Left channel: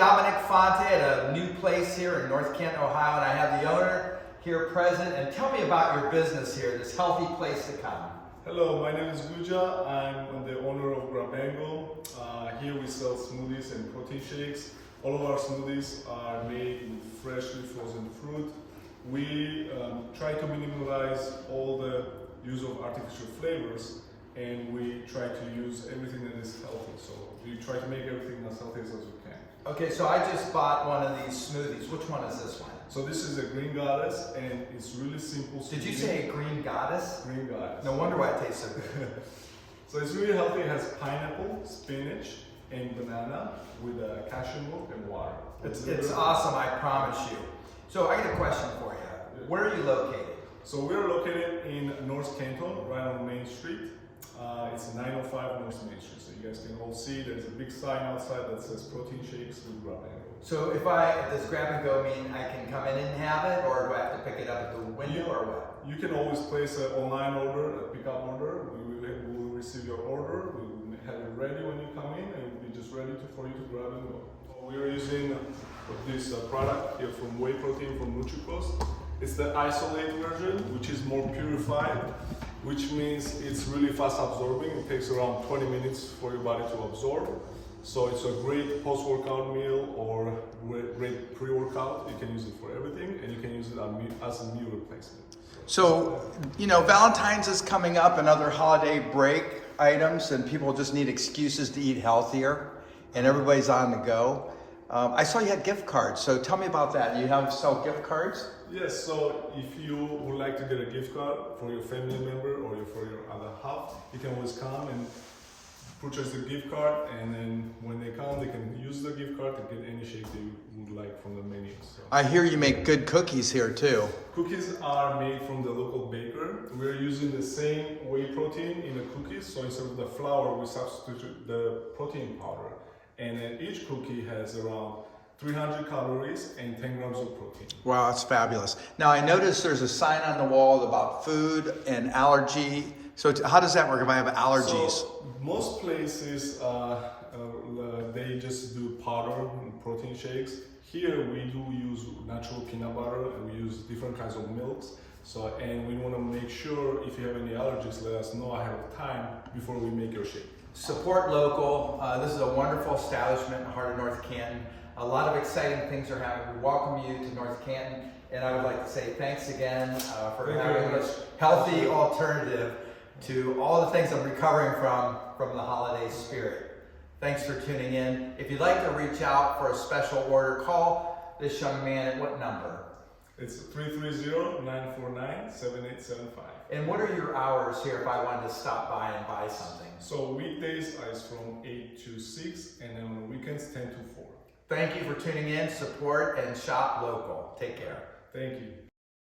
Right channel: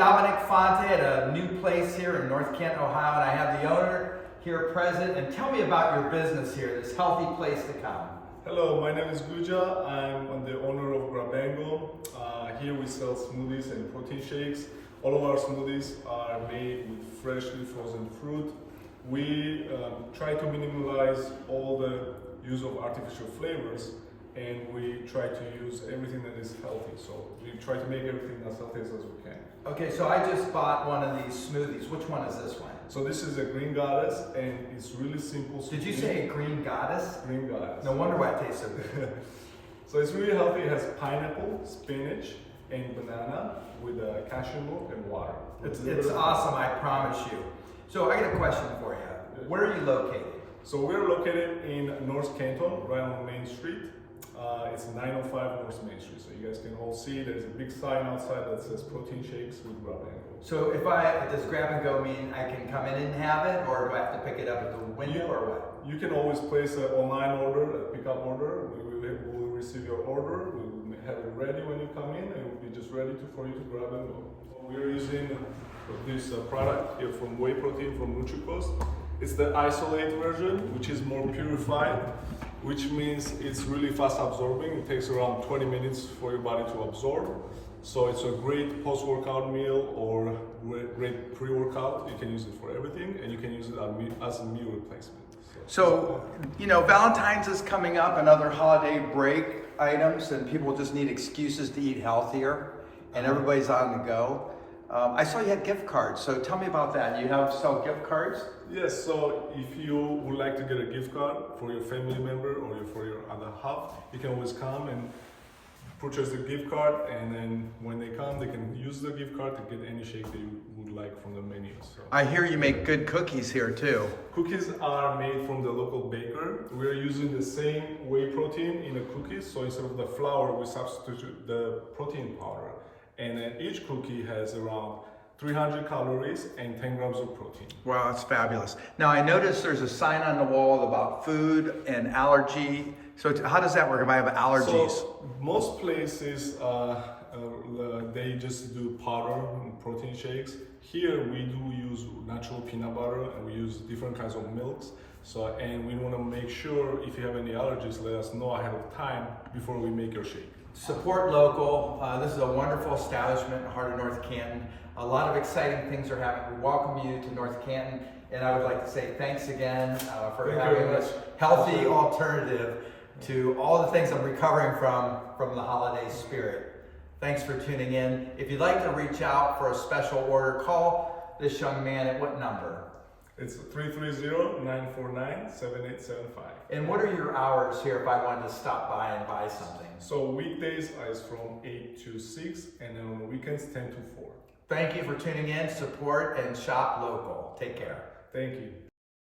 Dominic Fonte at a new place here in North Canton, Ohio, and I have the owner here present. And tell me about your business here, this healthy place to come. Hello, my name is Guja. I'm the owner of Grabengo. Here we sell smoothies and protein shakes. All of our smoothies are made with freshly frozen fruit. We try to minimize all the use of artificial flavors, and we try to use everything that is healthy. So we try to make everything as healthy as we can. Okay, so I just bought one of these smoothies. Which one is this one? So this is a green goddess, and it's really simple. Did you say a green goddess? Green goddess. No wonder why it tastes so good. So it's really healthy. It has pineapple, spinach, and banana with cashew milk and water. It's awesome, I promise you. So I got a question for you. Where are you located? So we're located in North Canton, right on Main Street. It's 905 North Main Street. So you guys can all see there's a big sign outside that says protein shakes with Grabengo. So does grab and go mean I can come in and have it, or do I have to pick it up at the window, or what? You can always place an online order, a pickup order. We will receive your order. We will have it ready when you come in, and it will be just ready for you to grab and go. We are using this product here from whey protein from NutriCost. It's the isolate version, which is more purified, which means it's really fast absorbing. It takes around 20 minutes for your body to absorb. So it's a great post-workout meal or great pre-workout. You can use it for everything, and you can use it as a meal replacement. So, you know, Valentine's is coming up and other holiday break items, and people just need excuses to eat healthier, and everybody's on the go. I saw you had gift cards, so tell me about that. You sell gift cards? Yes, so if you would like to get a gift card for your family member or for your other half, you can always come and purchase the gift card, and then when they come, they can use the gift card to get any shake that you would like from the menu. So. I hear you make good cookies here too. Cookies are made from the local baker. We are using the same whey protein in the cookies, so instead of the flour, we substitute the protein powder. And then each cookie has around 300 calories and 10 grams of protein. Wow, that's fabulous. Now I noticed there's a sign on the wall about food and allergy. So how does that work if I have allergies? So most places, they just do powder and protein shakes. Here we do use natural peanut butter, and we use different kinds of milks. So, and we want to make sure if you have any allergies, let us know ahead of time before we make your shake. Support local. This is a wonderful establishment in the heart of North Canton. A lot of exciting things are happening. We welcome you to North Canton, and I would like to say thanks again for having this healthy alternative to all the things I'm recovering from the holiday spirit. Thanks for tuning in. If you'd like to reach out for a special order, call this young man at what number? It's 330-949-7875. And what are your hours here if I wanted to stop by and buy something? So weekdays is from 8 to 6, and then on the weekends 10 to 4. Thank you for tuning in. Support and shop local. Take care. Thank you.